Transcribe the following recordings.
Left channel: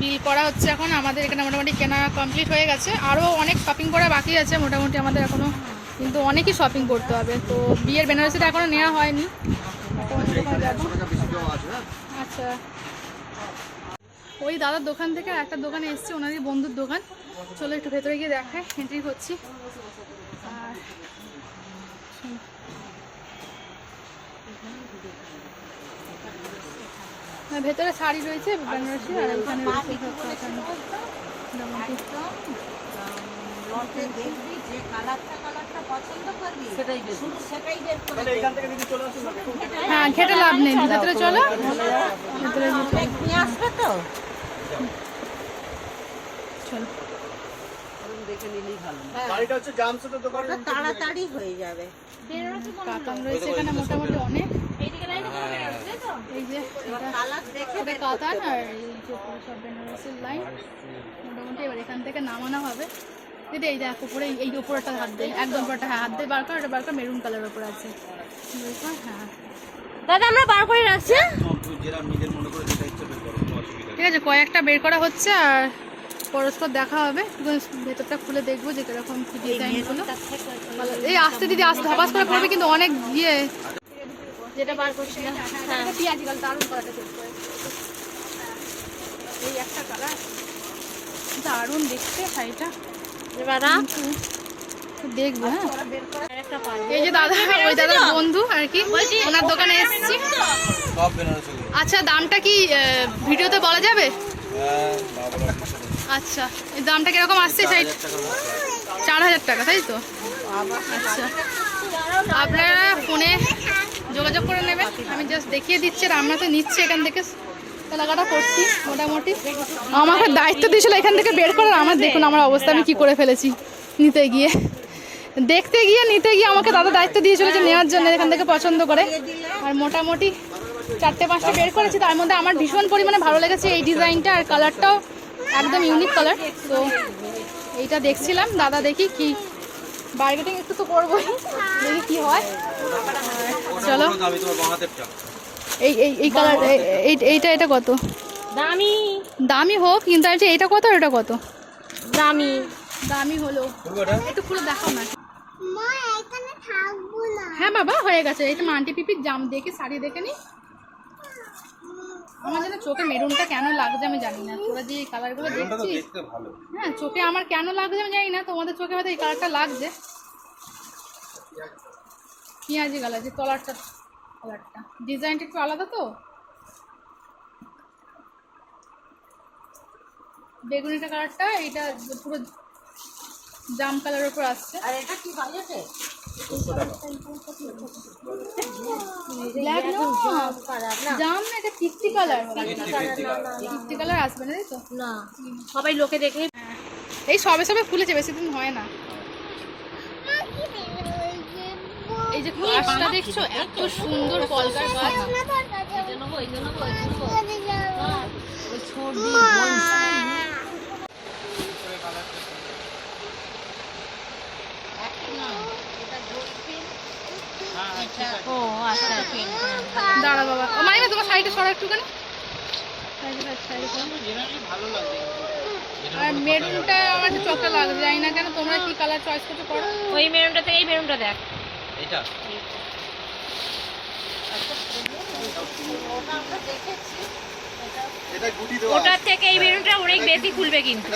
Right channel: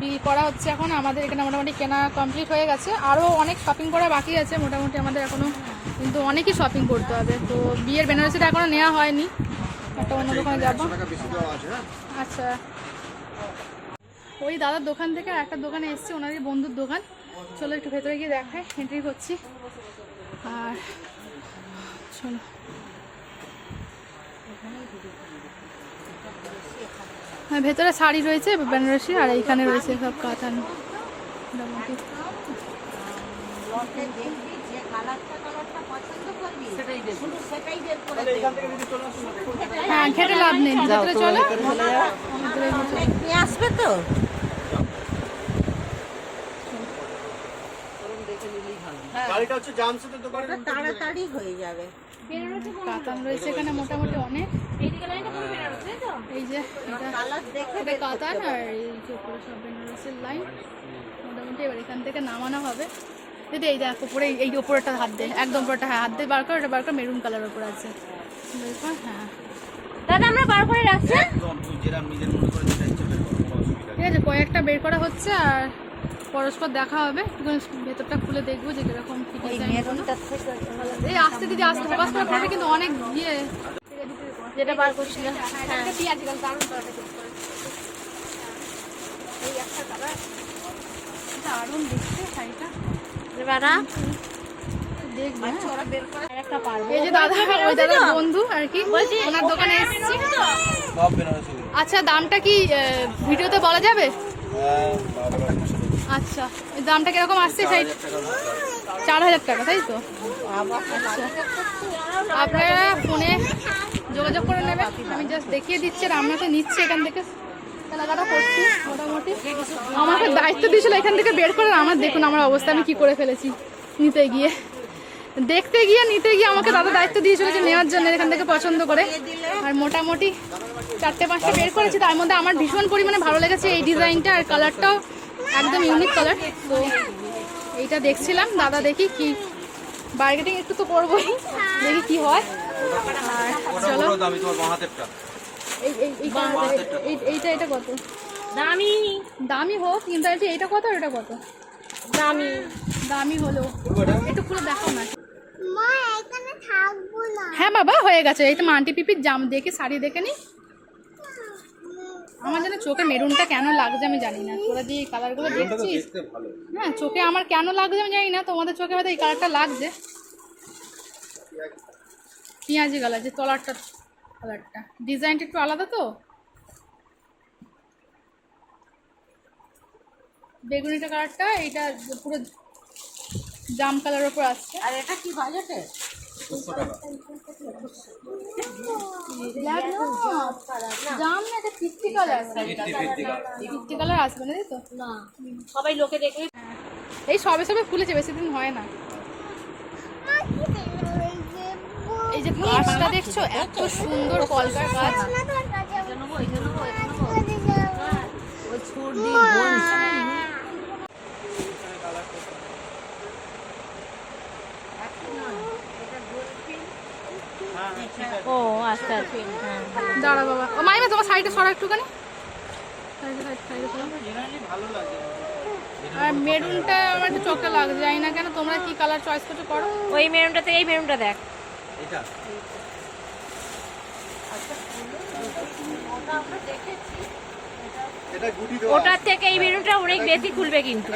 বিল করা হচ্ছে এখন, আমাদের এখানে মোটামুটি কেনা কমপ্লিট হয়ে গেছে। আরও অনেক শপিং করা বাকি আছে মোটামুটি আমাদের এখনও কিন্তু অনেকই শপিং করতে হবে। তো বিয়ের বেনারসিটা এখনও নেওয়া হয়নি। অন্য দোকানে আচ্ছা। ওই দাদার দোকান থেকে একটা দোকানে এসেছি, ওনারই বন্ধুর দোকান। চলো একটু ভেতরে গিয়ে দেখায় এন্ট্রি করছি। আর শোনো। হ্যাঁ, ভেতরে শাড়ি রয়েছে বেনারসি আর এইখানে রয়েছে সব কথা মোটামুটি হ্যাঁ ঘেটে লাভ নেই ভেতরে চলো। ভেতরে নিয়ে আসবে তো? ওটা তাড়াতাড়ি হয়ে যাবে। কাতান রয়েছে এখানে মোটামুটি অনেক। এই যে দেখে এটা কাতান আর এই যে সব বেনারসের লাইন মোটামুটি এবার এখান থেকে নামানো হবে। দিদি এই দেখ উপরে এই- উপরেটা হাত একদম উপরটা হ্যাঁ হাত দিয়ে বার কর এটা বার কর মেরুন কালার উপরে আছে। হ্যাঁ। দাদা আমরা বার করে রাখছি। ঠিক আছে কয়েকটা বের করা হচ্ছে আর পরস্পর দেখা হবে। ভেতরটা খুলে দেখব যে কীরকম এই আসতে দিদি আসতে হবাস করে পড়বে কিন্তু অনেক ইয়ে। যেটা বার হ্যাঁ। দারুণ দেখতে এই একটা কালার দারুণ দেখতে শাড়িটা। এবার দেখব হ্যাঁ। এই যে দাদা ওই দাদার বন্ধু আর কি ওনার দোকানে এসেছি। আচ্ছা দামটা কি ভিডিওতে বলা যাবে? হ্যাঁ আচ্ছা এই দামটা কীরকম আসছে চার হাজার টাকা তাই তো? আচ্ছা। আপনারা ফোনে যোগাযোগ করে নেবেন আমি জাস্ট দেখিয়ে দিচ্ছি আর আমরা তো নিচ্ছি এখান থেকে। কেনাকাটা করছি মোটামুটি। আমাকে দায়িত্ব দিয়েছিল এখান থেকে বের করার। আমার দেখুন আমার অবস্থা, আমি কী করে ফেলেছি নিতে গিয়ে। দেখতে গিয়ে, নিতে গিয়ে আমাকে দাদা দায়িত্ব দিয়েছিল যে নেওয়ার জন্য এখান থেকে পছন্দ করে। আর মোটামুটি চারটে পাঁচটা বের করেছি। তার মধ্যে আমার ভীষণ পরিমাণে ভালো লেগেছে এই ডিজাইনটা আর কালারটাও একদম ইউনিক কালার তো এইটা দেখছিলাম। দাদা দেখি কি বার্গেটিং একটু তো করবোই। দেখি কি হয়। আর চলো। এই এই এই কালার এইটা এটা কত? দামি। দামি হোক কিন্তু বলছি এইটা কত আর এটা কত? দামি। দামি হলো। একটু খুলে দেখাও না। মা এখানে হ্যাঁ বাবা হয়ে গেছে। এই তো মান্টি পিপির জাম দেখে শাড়ি দেখে নি। আমার যেন চোখে মেরুনটা কেন লাগছে আমি জানি না। তোরা যে এই কালারগুলো দেখছিস? দেখতে হ্যাঁ চোখে আমার কেন লাগছে আমি জানি না তোমাদের চোখে হয়তো এই কালারটা লাগছে। পেঁয়াজি কালার যে তলারটা কালারটা ডিজাইনটা একটু আলাদা তো। বেগুনিটা কালারটা এইটা পুরো জাম কালারের উপর আসছে। আর এটা কি বাজেটে ব্ল্যাক না জাম না এটা fifty colour fifty fifty colour আসবে না তাই তো? না সবাই লোকে দেখে এই সবে সবে খুলেছে বেশি দিন হয় না। এই যে গাছটা দেখছ এত সুন্দর কলকার গাছ। ও আচ্ছা দাঁড়া বাবা। ও মাইমা তোমার শাড়িটা সরা একটুখানি। আর মেরুনটা আমার একটু চোখে লাগছে জানি না কেন তোমরা কি কালার চয়েস করতে পারো ওই মেরুনটা থেকে এই মেরুনটা দেখ। এটা এটা গুটি দেওয়া ওটার থেকে এই মেরুনটা অনেক বেশি খুলবে কিন্তু।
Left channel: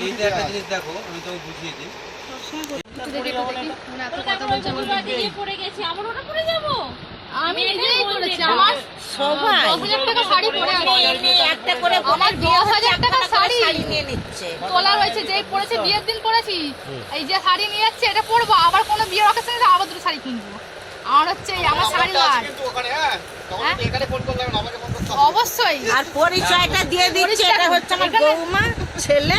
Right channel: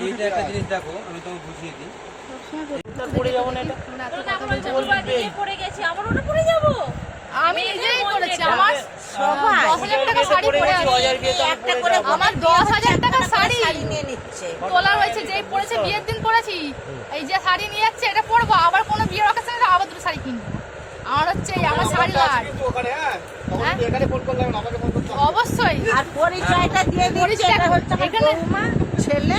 কিন্তু একটা জিনিস দেখো আমি তোমাকে বুঝিয়ে দিই। কথা বলছে আমার যাব? আমি নিজেই করেছি আমার দশ হাজার টাকা শাড়ি পরে আছে। আমার দশ হাজার টাকা শাড়ি তোলা রয়েছে যেই পরেছে বিয়ের দিন পরেছি। এই যে শাড়ি নিয়ে যাচ্ছে এটা পরবো আবার কোনো বিয়ের অকেশনে আবার দুটো শাড়ি কিনবো। আমার হচ্ছে আমার শাড়ি লাট হ্যাঁ? হ্যাঁ? এখানে ফোন করলাম আমাকে ফোন করতে অবশ্যই। আর পরিচয়টা দিয়ে দিচ্ছে এটা হচ্ছে আমার ছেলে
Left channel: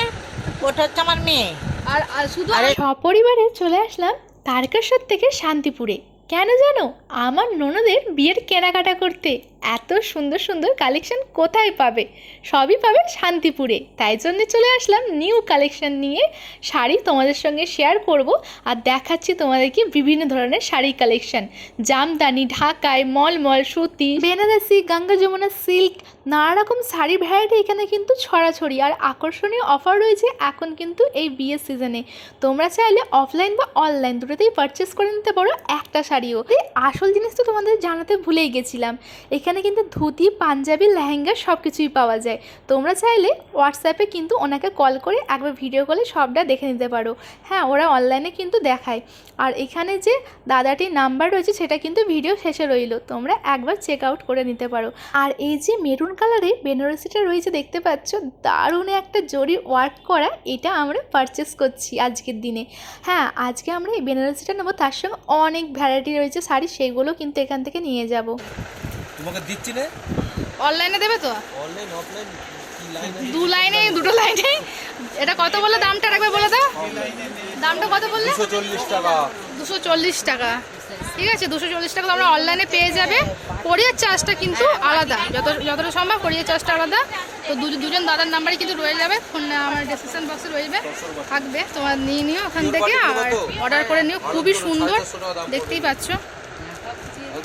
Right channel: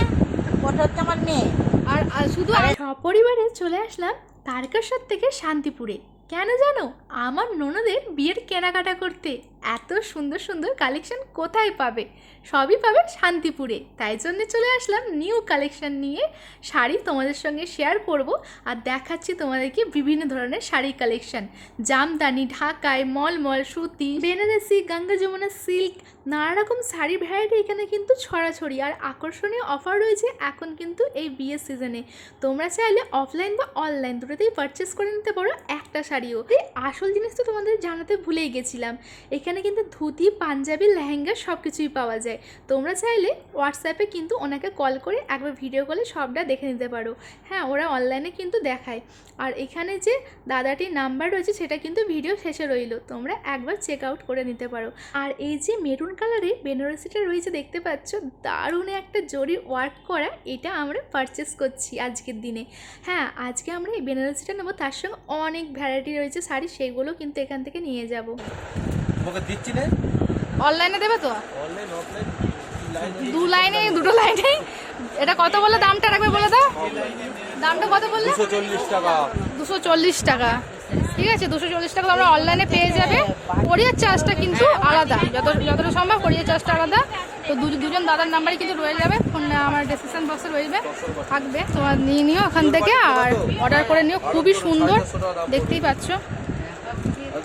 ওটা হচ্ছে আমার মেয়ে। আর আর শুধু সপরিবারে চলে আসলাম তারকেশ্বর থেকে শান্তিপুরে। কেন জানো? আমার ননদের বিয়ের কেনাকাটা করতে। এত সুন্দর সুন্দর কালেকশন কোথায় পাবে? সবই পাবে শান্তিপুরে। তাই জন্য চলে আসলাম নিউ কালেকশন নিয়ে। শাড়ি তোমাদের সঙ্গে শেয়ার করব আর দেখাচ্ছি তোমাদেরকে বিভিন্ন ধরনের শাড়ি কালেকশন জামদানি, ঢাকায় মলমল, সুতি, বেনারসি, গঙ্গা যমুনা সিল্ক নানা রকম শাড়ি ভ্যারাইটি এখানে কিন্তু ছড়াছড়ি। আর আকর্ষণীয় অফার রয়েছে এখন কিন্তু এই বিয়ের সিজনে তোমরা চাইলে অফলাইন বা অনলাইন দুটোতেই পারচেস করে নিতে পারো একটা শাড়িও। আসল জিনিস তো তোমাদের জানাতে ভুলেই গেছিলাম। এখানে কিন্তু ধুতি, পাঞ্জাবি, লেহেঙ্গা সব কিছুই পাওয়া যায়। তোমরা চাইলে হোয়াটসঅ্যাপে কিন্তু ওনাকে কল করে একবার ভিডিও কলে সবটা দেখে নিতে পারো। হ্যাঁ ওরা অনলাইনে কিন্তু দেখায়। আর এখানে যে দাদাটির নাম্বার রয়েছে, সেটা কিন্তু ভিডিও শেষে রইল। তোমরা একবার চেক আউট করে নিতে পারো। আর এই যে মেরুন কালারে বেনারসিটা রয়েছে, দেখতে পাচ্ছ? দারুণ একটা জরি ওয়ার্ক করা এটা আমরা পারচেস করছি আজকের দিনে। হ্যাঁ আজকে আমরা এই বেনারসিটা নেব, তার সঙ্গে অনেক ভ্যারাইটি রয়েছে শাড়ি, সেগুলো কিন্তু এখান থেকে নিয়ে যাব। তোমাকে দিচ্ছি না। অনলাইনে দেবে তো? অনলাইন অফলাইন দু লাইনে দুটো লাইনে এটা কত বললে? দামটা রাখবে বলে দাও। দামটা কত বললে? দুশো চল্লিশ টাকা। দুশো চল্লিশ টাকা। ঠিক আছে দুশো চল্লিশ টাকা তোমরা অনলাইনে পেয়ে যাবে। কোরিয়ার চার্জটা কিন্তু আলাদা। যত যতটা সম্ভব কোরিয়ার চার্জটা আলাদা। তো দু- দুজন দাদার নাম্বারই কিন্তু রয়ে যাবে। ফোন আমার ডিসক্রিপশন বক্সে রয়েছে থাকবে। তোমার নিয়ে নিও ওখান থেকে। আর অর্ডার করে নিও। খুবই সুন্দর। দেখতেই পাচ্ছ একদম ও কাকা বাটিং করে দাও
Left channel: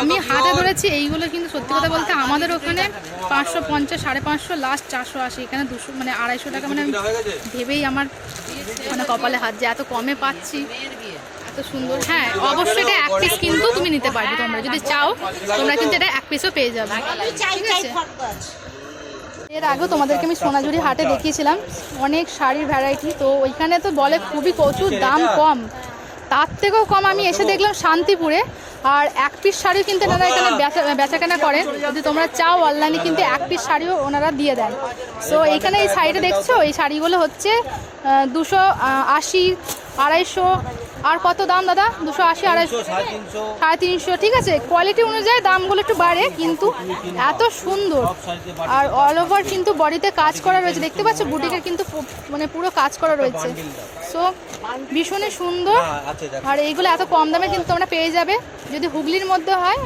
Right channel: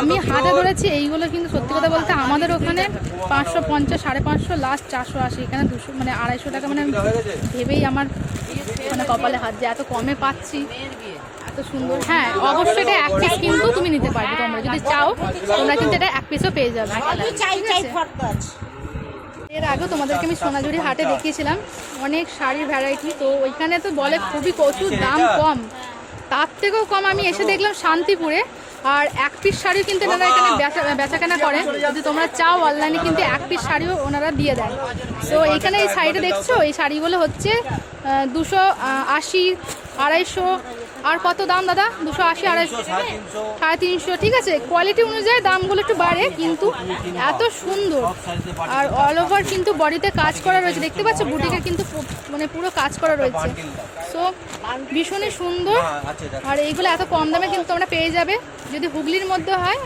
আমি হাটে ধরেছি এইগুলো কিন্তু সত্যি কথা বলতে আমাদের ওখানে পাঁচশো পঞ্চাশ সাড়ে পাঁচশো লাস্ট চারশো আশি এখানে দুশো মানে আড়াইশো টাকা মানে ভেবেই আমার মানে কপালে হাত যে এত কমে পাচ্ছি এত সুন্দর। হ্যাঁ অবশ্যই এটা এক পিস কিন্তু তুমি নিতে পারবে তোমরা যদি চাও তোমরা কিন্তু এটা এক পিসও পেয়ে যাবে। ঠিক আছে? এর আগেও তোমাদেরকে আমি সোনাঝুরি হাটে দেখিয়েছিলাম অনেক শাড়ির ভ্যারাইটি তো ওইখানে তো বলে খুবই প্রচুর দাম কম। তার থেকেও কম আমি এসে দেখলাম শান্তিপুরে। আর এক পিস শাড়িও কিন্তু এনারা এখানে বেচা, বেচাকেনা করেন যদি তোমরা চাও অনলাইনে কিন্তু এক পিস শাড়িও ওনারা দিয়ে দেন সো এইখানে এই শাড়িটা দেখছ? এই শাড়িগুলো হচ্ছে দুশো আশি, আড়াইশো। আর কত দাম দাদা? দুশো আশি, আড়াইশো। সাড়ে তিনশো, ঠিক আছে? কোয়ালিটি অনুযায়ী দামগুলো একটু বাড়ে, কিন্তু এত সুন্দর। আর অল ওভার কিন্তু বডিতে কাজ করা রয়েছে। দেখতে পাচ্ছ? বুটিকের কিন্তু মানে পুরো কাজ করা রয়েছে। সো ভীষণই সুন্দর। আছে দেখো আর এইগুলো এত কম দামে কিন্তু তোমরা পেয়ে যাবে। যদি হুগলির মধ্যে হয়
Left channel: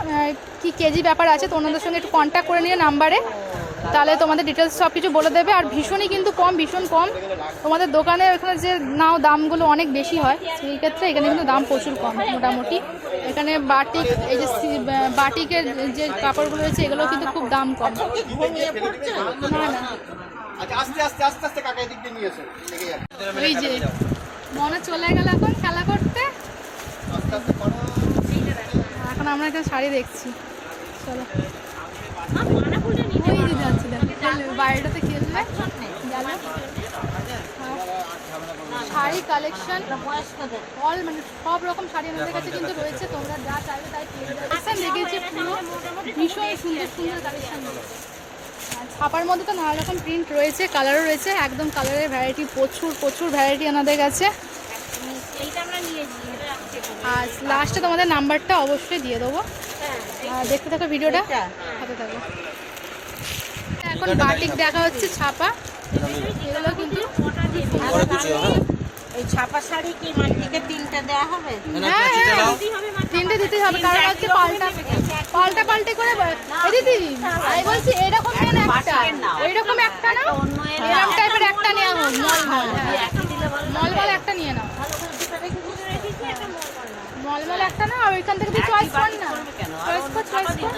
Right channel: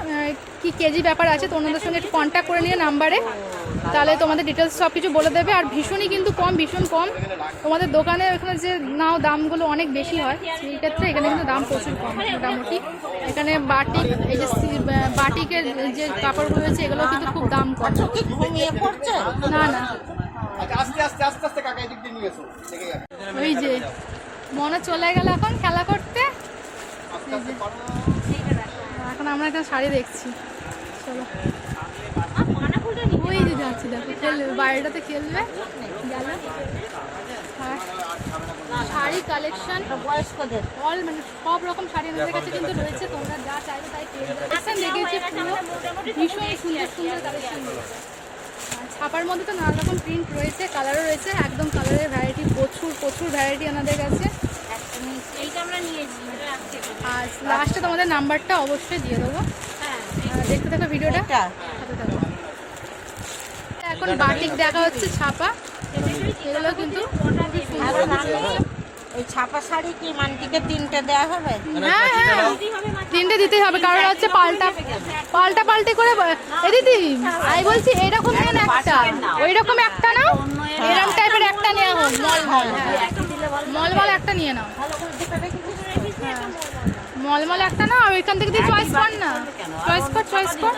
কি কেজি ব্যাপার আছে তো ওনাদের সঙ্গে একটু কন্ট্যাক্ট করে নিয়ে নাম্বারে। তাহলে তোমাদের ডিটেলস সব কিছু বলে দেবে। আর ভীষণই কিন্তু কম ভীষণ কম। তোমাদের দোকানে ওখানে যে নাও দামগুলো অনেক বেশি হয় সেই ক্ষেত্রে এখানে কিন্তু দাম প্রচুর কম মোটামুটি। এখানে বাটিক এই যে বাটিকের যে কাপড়গুলো রয়েছে এগুলো কিন্তু খুব দাম কম। না না। আচ্ছা আস্তে আস্তে আস্তে আস্তে কাকা এদিক দিয়ে নিয়ে এসো। ওই যে মনে চলে গেল এখন খেলা করতে। এখন আমরা এখানে শাড়ি দেখছি। চলো। ওই যে যাচ্ছি দেখো খেলবে। বাড়িটাতে খেলবে। গেল। শাড়ি কালেকশন বয়স্কদের। অল মানে সব রকম শাড়ি আমাদের কাছে কিন্তু রয়েছে তোমরা যা চাইবে তাই পেয়ে যাবে। দেখেছি পুরো। ভীষণ সুন্দর সুন্দর কালেকশন রয়েছে। ছাপার মধ্যে তো নানা রকম প্রিন্ট রয়েছে কালারও রয়েছে একদম কালারের ভ্যারাইটি প্রচুর প্রচুর ভ্যারাইটি আমাদের কাছে। আর লাস্টে তোমাদের নাম্বারটা অবশ্যই দিয়ে দেবো। দেখতে থাকো ভিডিওটা হাতে থাকো। এখন বাটিক দেখা হচ্ছে ছাপা। এগুলো কিন্তু ছাপা শাড়ি কি দিকে তিনটে দেওয়া হবে? হ্যাঁ হ্যাঁ। তিনটে দিতেই হবে কারণ হচ্ছে পাল্টা দিদি আমি বলছি এরকম নেন একটা ওই রকম একটা না? এরকম টাইপের একটা নেওয়া হোক মল মল। মল মল একটা নিয়ে নাও। মল মল একটা না ওইখান থেকে দিয়ে চয়েস কর না। চয়েস কর চয়েস কর।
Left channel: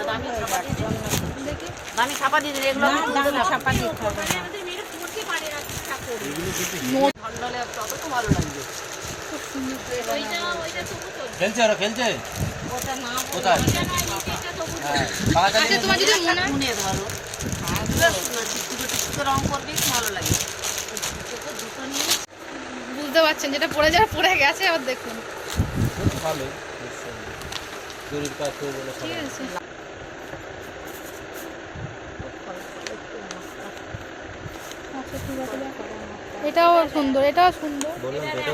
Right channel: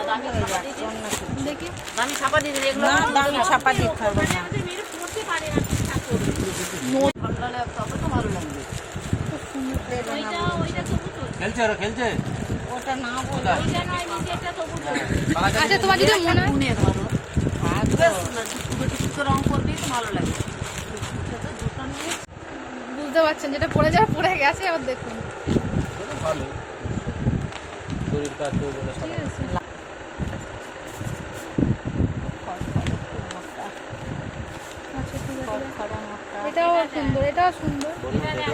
দেখি। আমি ছাপা দিয়ে দিই এগুলো না ছাপা দিতে খেলছে ওরা খেলছে। হ্যাঁ, আচ্ছা তোমার যদি মনে হয় বুঝতে পারছেন যেটা পড়ে যাওয়া পড়ে গেছে আবার দেখুন। ভালো। ঠিক আছে আচ্ছা ঠিক আছে দেখো। এটাও সুন্দর এটাও সুন্দর।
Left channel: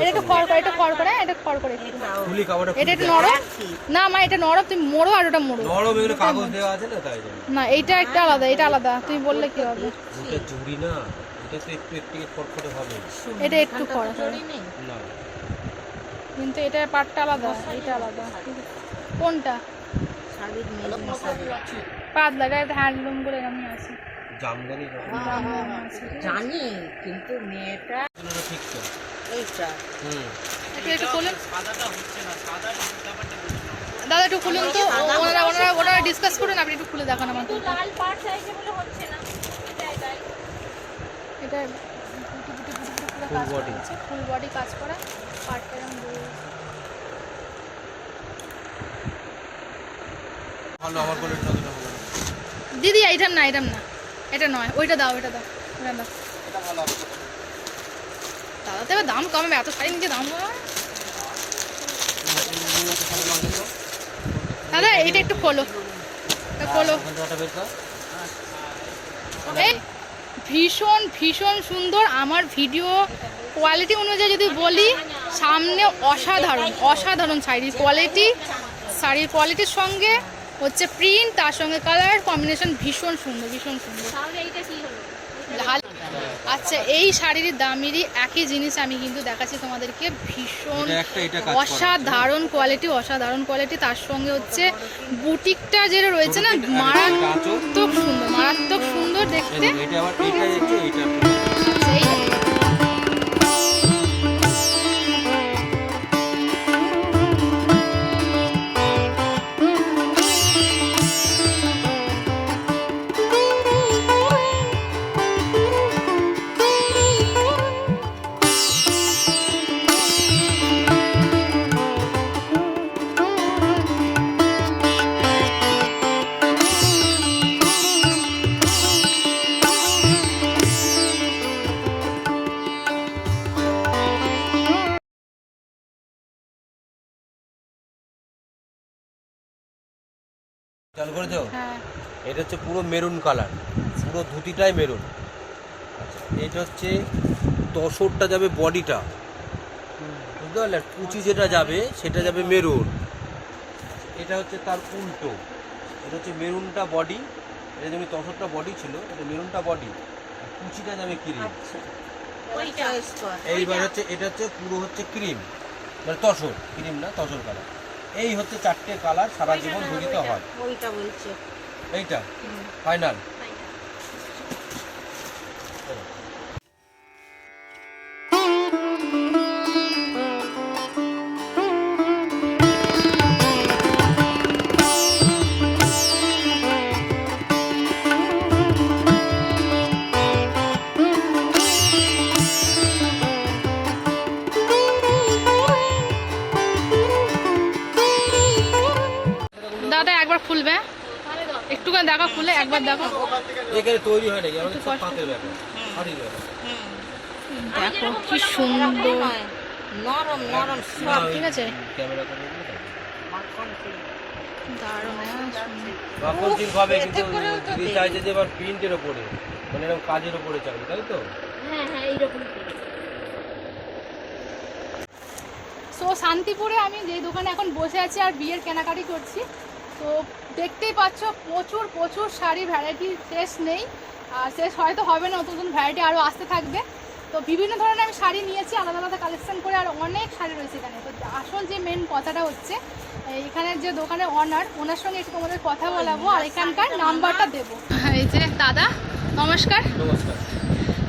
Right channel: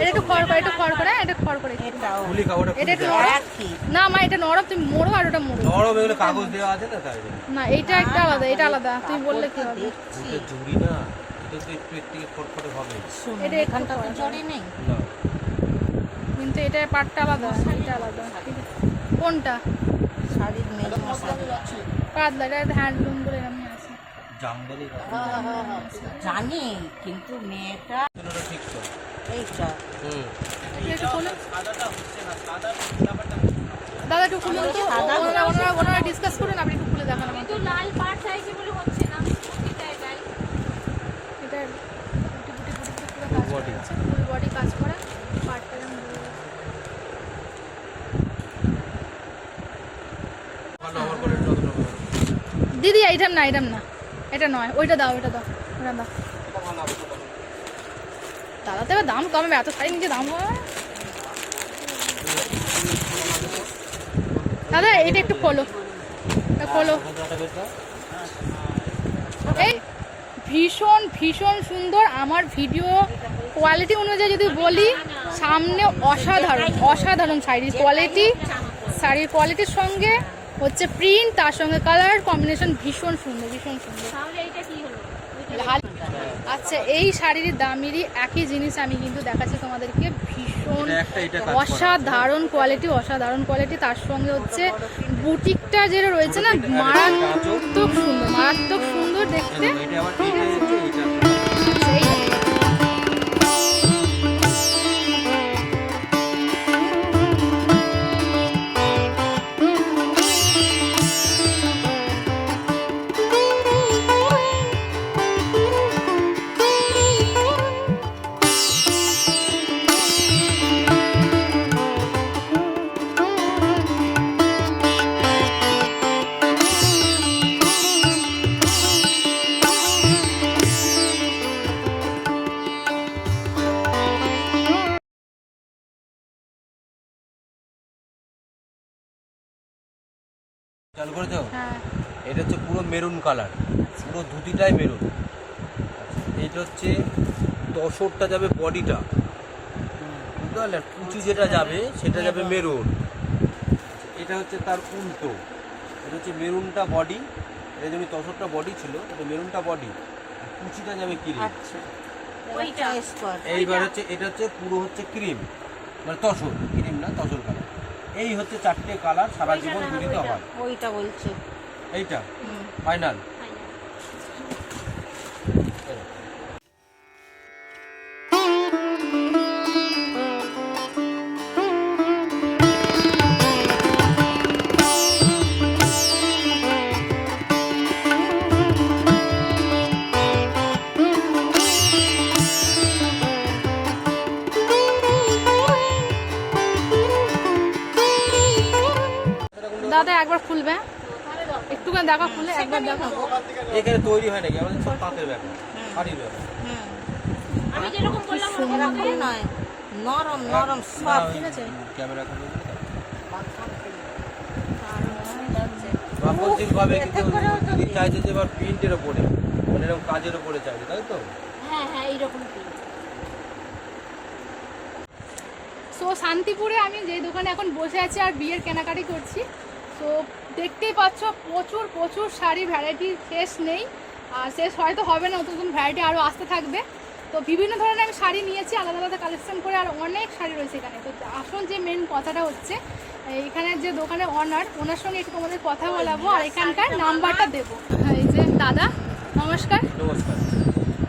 এটা একটু খড় করে এটা খড় করে এটা খড় করে। কাপড়টা এটা নরম? না মা এটা নরম তুমি মোড়ো আর ওটা মোড়ো। নরম এগুলো কাগজ দেওয়া আছে না তাই না এইটা একটা আলাদা এটা আলাদা তুমি বললে কি হবে? এটা জুড়ি না এটা তো একটু একটু হবে। এটা একটু খড়। না। কিন্তু এটা পাটটা আলাদা এটা আলাদা। কোনটা? শাড়ির পাতলা এটা হ্যান্ডলুম করে আমি আছে। জামদানি জানি কিন্তু মেয়েটা ঠিক তো। এইটা। হুম। একটু একটু খুলুন। দাদা একটু খুলুন তো। ওনারা ওনারা ওনারা ডিসকাস করুন আপনি একটু খুলে দেখান আমাকে লাল পাট চাইছে বলে হচ্ছে না। এটা বুটি বুটি বুটি পুরো কাজ করা আছে ফুল বডি কাজ করা। প্রয়োজন নেই। দিদি এইটার না এটার না। এটা নয়, ওইটা দাও ওইটা দাও ওইটা দাও। দাদা তো এবার দাম কমাবে এত শাড়ি নিচে দাম দাদা এইটা একটু খোলো। খোলো। এই, ভীষণ ভীষণ সুন্দর। আমার ভিডিও কোয়ালিটি অনুযায়ী যদি বলি, সামনে অসাধারণ অসাধারণ শাড়ির কোয়ালিটি শাড়ির কোয়ালিটির সঙ্গে হচ্ছে প্রিন্ট তার সঙ্গে কালার কম্বিনেশন ভীষণ সুন্দর ভীষণ সুন্দর। লাল। আচ্ছা এই শাড়ির দামেরই একই জিনিস আমি কিন্তু দেখাচ্ছি তোমাদেরকে ভীষণ। অসাধারণ কোয়ালিটি অসাধারণ কোয়ালিটি তার সঙ্গে হচ্ছে বুটিকটা যেটা রয়েছে না মারাত্মক সুন্দর মারাত্মক সুন্দর দেখতে। চালু করেছ? হ্যাঁ। এটা হচ্ছে পুরো মেরুন কালার পুরো ধুতিটাই মেরুন। আচ্ছা, এটা হচ্ছে তসরটা যাবে বডিটা। বুঝতে পারলে? কুচি যেটা যাবে সেটা যাবে মেরুন। আচ্ছা, এটা হচ্ছে তার উল্টো। এটা হচ্ছে মেরুনটা বডি। এটা যেমনি তসরটা বডি ছিল এটা মেরুনটা বডি। আর কুচিটা যাবে ক্রিম। আচ্ছা। এইবার হচ্ছে এটা হচ্ছে পুরো হচ্ছে ক্রিম। মানে তসর। ক্রিম না তসর কালার। এই হচ্ছে চারটে কালার সারা জীবন ধুতিতে হয়। ওইটা বলছি। এইটা ফাইনাল দেখা খুলে একবার দেখো। এখানে তৈরি হয় নাকি? আমাদের পাতের ব্যাপার। দেখো কি সুন্দর। নরম নরম ঠিক আছে। ক্যামেরা কিন্তু। চাইছে যে এবার প্রিন্টের ওপরে মানে এরকম কাজের ওপরে চাইছে তাই তো? হ্যাঁ হ্যাঁ এইরকম সো শান্তিপুরে আমি যেই দোকানে এখন বসে আছি আর বিয়ের কেনাকাটি করছি তো দেখতেই পাচ্ছ প্রচুর প্রচুর শাড়ি ভ্যারাইটি শেষ নেই। আর শেষ হয়তো হবে না নতুন নতুন ভ্যারাইটি আরও আসতে থাকবে। তো বিভিন্ন ধরনের আমি শাড়ি নিয়েছি আলাদা আলাদা কালেকশন করে আর অনেক শাড়ি রয়েছে এখানে। তো আসল যে মেন কথাটা হচ্ছে এখানের যে দোকানের অনার ওনার সঙ্গে একটু তোমাদের কথা বলাবো আর এখানকার নাম্বারটা দেবো। এই যে দাদা নমস্কার। নমস্কার।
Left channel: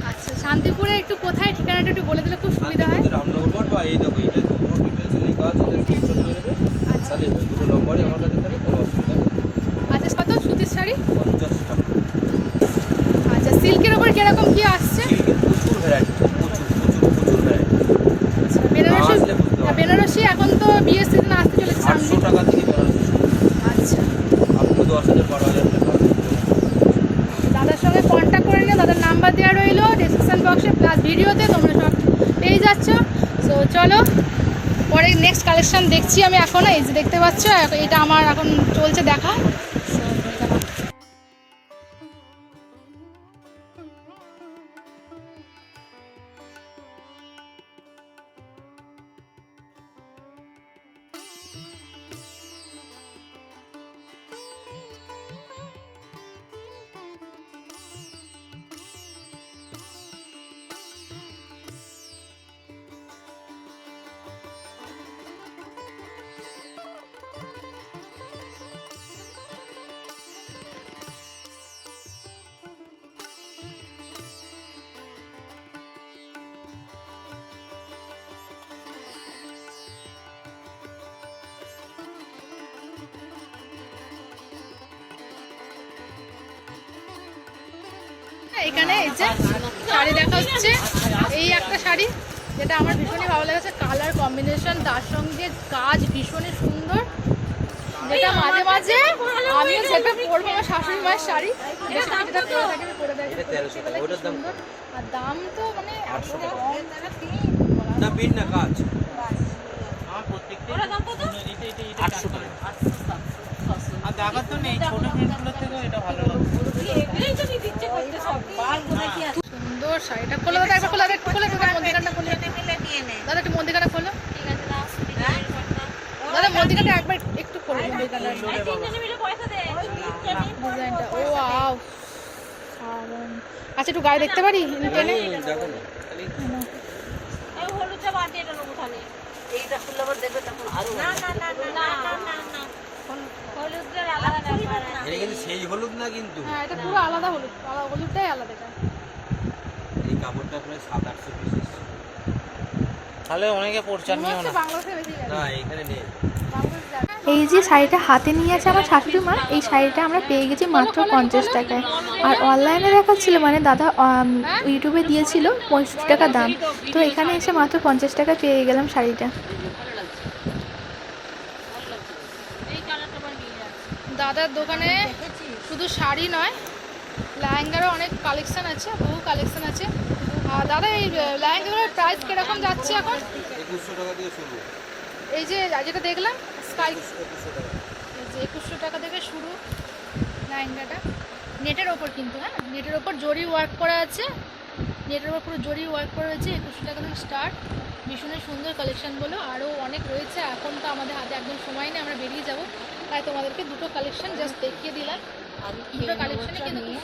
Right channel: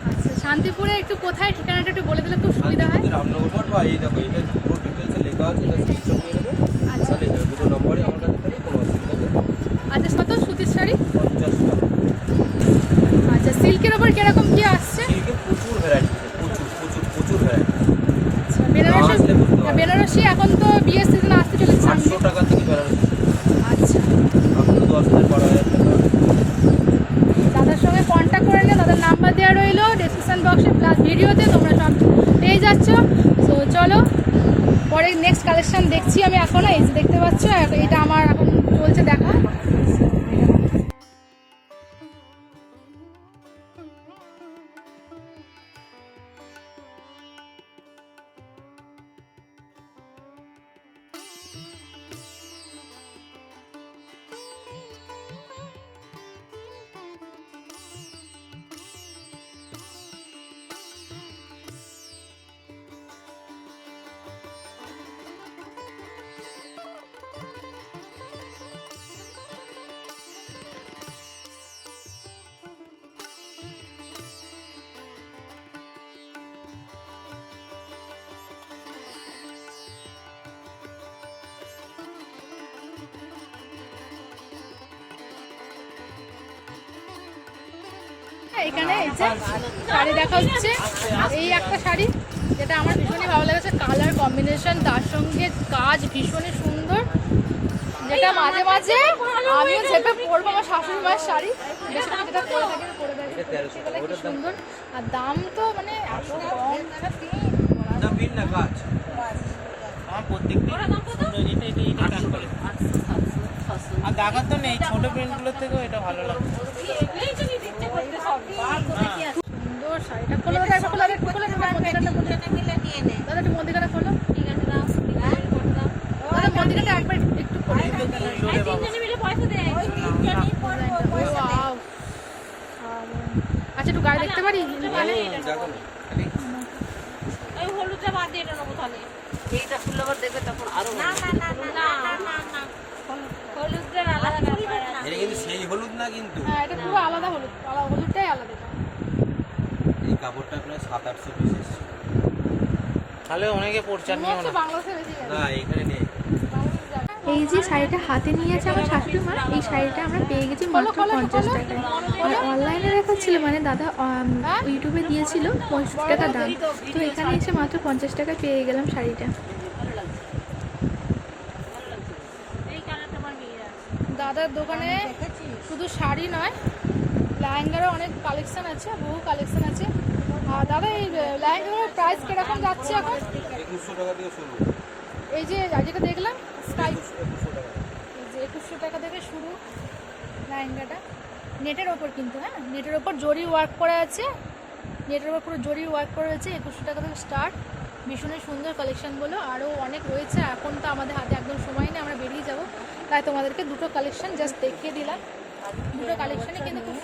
আচ্ছা শান্তিপুরে একটু কোথায়? ঠিকানাটা একটু বলে দিলে খুব সুবিধা হয়। রামনগর বা এই দেখো এটা আচ্ছা। নম্বরে আমার কাছে থাকে কোনো অসুবিধা নেই আচ্ছা কত সুতির শাড়ি? আচ্ছা সিল্কের ওপর কীরকম কি আসছে? প্রচুর ভ্যারাইটি প্রচুর প্রচুর প্রচুর ভ্যারাইটি আচ্ছা বেনারসি বেনারসি এখন তো বিয়ের সিজন আসতে চলেছে সামনে। টাকা থেকে আচ্ছা। আপনি দশ হাজার বারো হাজার টাকা। দাদার সঙ্গে কন্ট্যাক্ট করে নিও দাদার নাম্বার দেওয়া রইল ডিসক্রিপশন বক্সে প্লাস ভিডিওতে তোমরা সব পেয়ে যাচ্ছ। সো চলো পরে নেক্সট কালেকশন দেখছি আমি এখন এই যে দেখতে পাচ্ছ এটা আমার এখন চলছে দেখা। এখানে এই যে শাড়ি দেখা হচ্ছে। এই একটা শাড়ি যেটা আমার ভীষণই ভালো লেগেছে। কালার কম্বিনেশন তার সঙ্গে কাজ ভীষণই সুন্দর। যেটা মাঝে মাঝে আমিও চেপে পরবো আমার শাশুড়ি মায়ের শাড়ি। যেটা পরে থাকে পরে সুন্দর। আর দাম তো মানে এত কম। না বিন না কাজ? দাগা তো নেই ছোট এটা ভালো লাগে। সুন্দর শাড়িটা খোলো দাদা একটা খোলো একটু খোলো দাদা মন্দিরটা খোলো। দাদা একটু মন্দিরটা খোলো। দাদা মন্দিরটা একবার একটু ও আও আচ্ছা একটু গায়ে দেখতে পারি? হ্যাঁ, হ্যাঁ, হ্যাঁ, এইটা খুলে আবার তখন না না না না না না না। এটা কিন্তু সেই হলুদ না কিন্তু। হ্যাঁ এটা পুরো আলাদা হলুদ। আলাদা হলুদটাই আলাদা এটা। এই কাপড়টা আপনার সাত আটশো পিস তাহলে অনেকে পড়ছার নিও না। বাংলাদেশে বেশি গেছে। না এখানে নেই। এই যে শাড়িটা হাতে নিয়ে আছে আমার শাশুড়ি মা এই শাড়িটা আমরা পেয়ে গেছি মাত্র পঞ্চাশ টাকায়। আর অনলাইনে দেখাচ্ছিল মানে দাদা ইউটিউবে দিয়েছিল পঁয়ষট্টি টাকা দাম। তো এখানে এসে মাত্র পঞ্চাশ টাকা পেয়ে গেলাম শাড়িটা। দাদার দোকানে শুধু শাড়ি নয় লেহেঙ্গারও অনেক কালেকশান আছে বহু কালেকশান আছে। আর দাদা এই লেহেঙ্গাগুলোর প্রাইস কীরকম যাচ্ছে এখন? এই যে যেটা দেখলাম স্কাই যে একুশশো টাকা থেকে শুরু লেহেঙ্গাটা। নেটের ওপর কিন্তু হ্যাঁ? নেটের ওপর জরি ওয়ার্ক করা আছে। নেটের ওপর পুরো জরি ওয়ার্ক করা আছে একুশশো টাকা থেকে স্টার্ট ভীষণই সুন্দর কালেকশানগুলো আরও অনেক রয়েছে এখন তো আমাদের হাতে একদম সময় নেই আমরা বেরিয়ে যাব। তাই তোমাদেরকে দুটো কালেকশন জাস্ট দেখিয়ে দিলাম। দুটো কালেকশনই কিন্তু খুব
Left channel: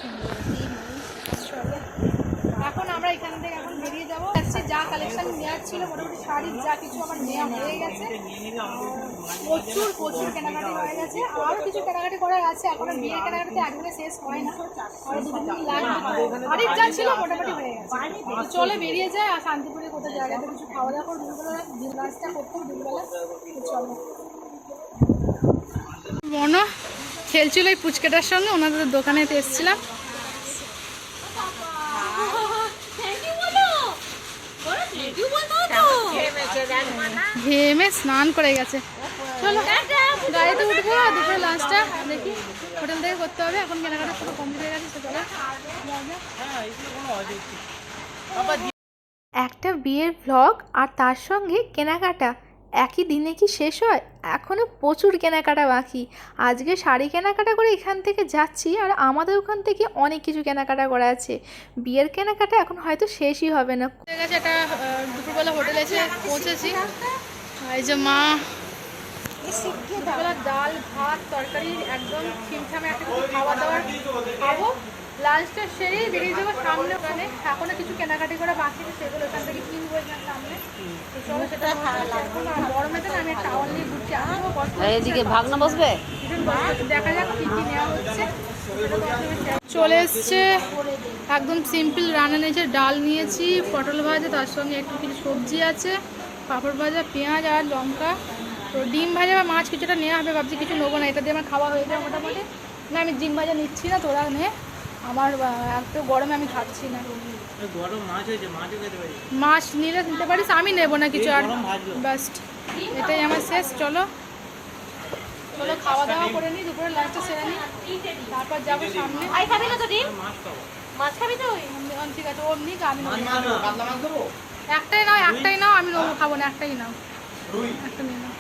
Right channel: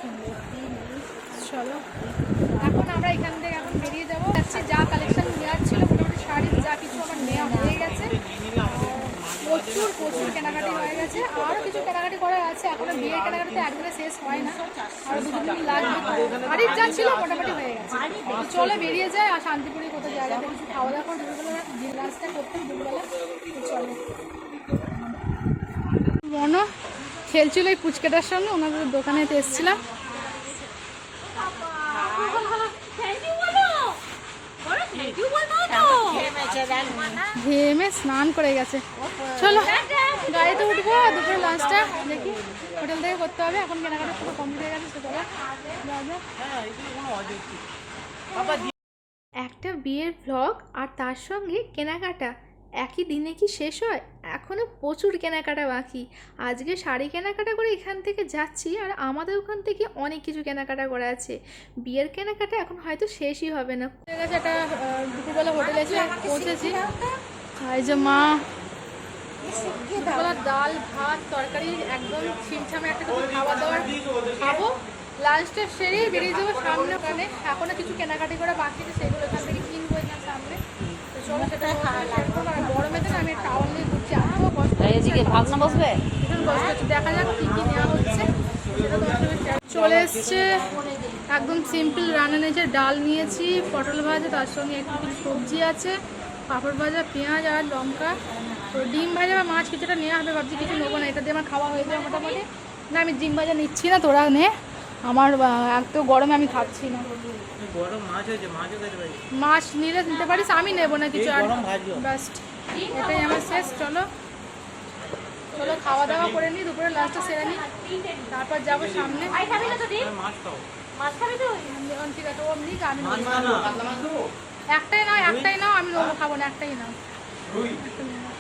এখন আমরা এখান থেকে এখন বেরিয়ে যাব। যা কালেকশন নেওয়ার ছিল, মোটামুটি শাড়ির যা কিছু আমার নেওয়া হয়ে গেছে। প্রচুর প্রচুর কেনাকাটি হয়ে গেছে। আরও কিছু কেনাকাটি করার আছে। এখনও বিয়ের কেনাকাটি তো একদিনে শেষ হয় না। আরও দু দিন লাগবে শাড়ির যা ছিল মোটামুটি হয়ে গেছে। চলে বেরিয়ে যায় আর শান্তিপুরে কোথাও জায়গাতে কিছু খাওয়া দাওয়া করে দুপুরবেলা লাঞ্চটা করতে দুপুরবেলা। চলো। মনো খেলছিল এই পুচকেটার সঙ্গে ওনাদের দোকানে এসেছিলাম। ঘেমে স্নান করে গেছে। চলো গাড়িতে উঠবো আর দুপুরে লাঞ্চটা দেখি হোটেল থেকে করতে হবে এখন কেনাকাটা পুরো কমপ্লিট হয়ে গেছে চলো। একটা বিয়ের ভ্লগ আর তার সঙ্গে কেনাকাটা। একই দিনে কি শেষ হয়? এখনও প্রচুর কেনাকাটা বাকি। আজকে শাড়ি কেনাকাটা করে এখান থেকে যাচ্ছি আর আমাদের ওখান থেকে অনেক কিছু কেনাকাটা করা আছে। বিয়ের কেনাকাটা এখন হয়তো শেষই হবে না। একটা দুপুরবেলা হোটেলে এসে পৌঁছেছি। এই যে মা ডাল, ভাত, তরকারি, একদম ছিমছামে একটা খাওয়া দাওয়া খাব। লাঞ্চটা সেরেই বেরিয়ে যাব সামনে ওখানে। এখনও কিছু কেনাকাটি করে বাকি আছে সেগুলো এখান থেকে কিনবো এখানে সামনে। তো চলো সেটা না আমি টাওয়াল নিয়ে ঘুরছি এত কষ্ট এদিকে ভাগনা বসবে? ভীষণ কষ্ট হচ্ছে। দেখা যাক কি কি নেওয়া হচ্ছে। চলে এসছে একদম সিম্পল রান্না নিয়েছে ডাল নিয়েছি পটল ভাজা তার সঙ্গে একটু কিছু সবজি আছে পাঁপড় ভাজা পেঁয়াজ আর লঙ্কা। তো ডিম ভাজা বা মাছ কিছুটা নেওয়া হবে ভাবছি কিছু নেব না এটা দিয়ে আমার খাওয়া হয়ে যাবে মোটামুটি। না আমি ডিম ভাজা নিচ্ছি না তোরা নে। আমার এত গরমে আমি খাচ্ছি না। গরম মাছ হয়েছে মাছও খেতে পারি মাছ নিলে নিতে পারিস আমি নেব না কিছু আর। গরম ভাজলো। বাস এটাই আমার শেষ চলো। চলো খাওয়া দাওয়া করে নিই দুপুরে লাঞ্চটা সেরে নিই তারপর যাব সামনে। আমি ঠিক আছে ওর নিক আমি নেব একটাই নাও একটাই নাও আমি নেব খাব না একটাই নাও একটাই নাও।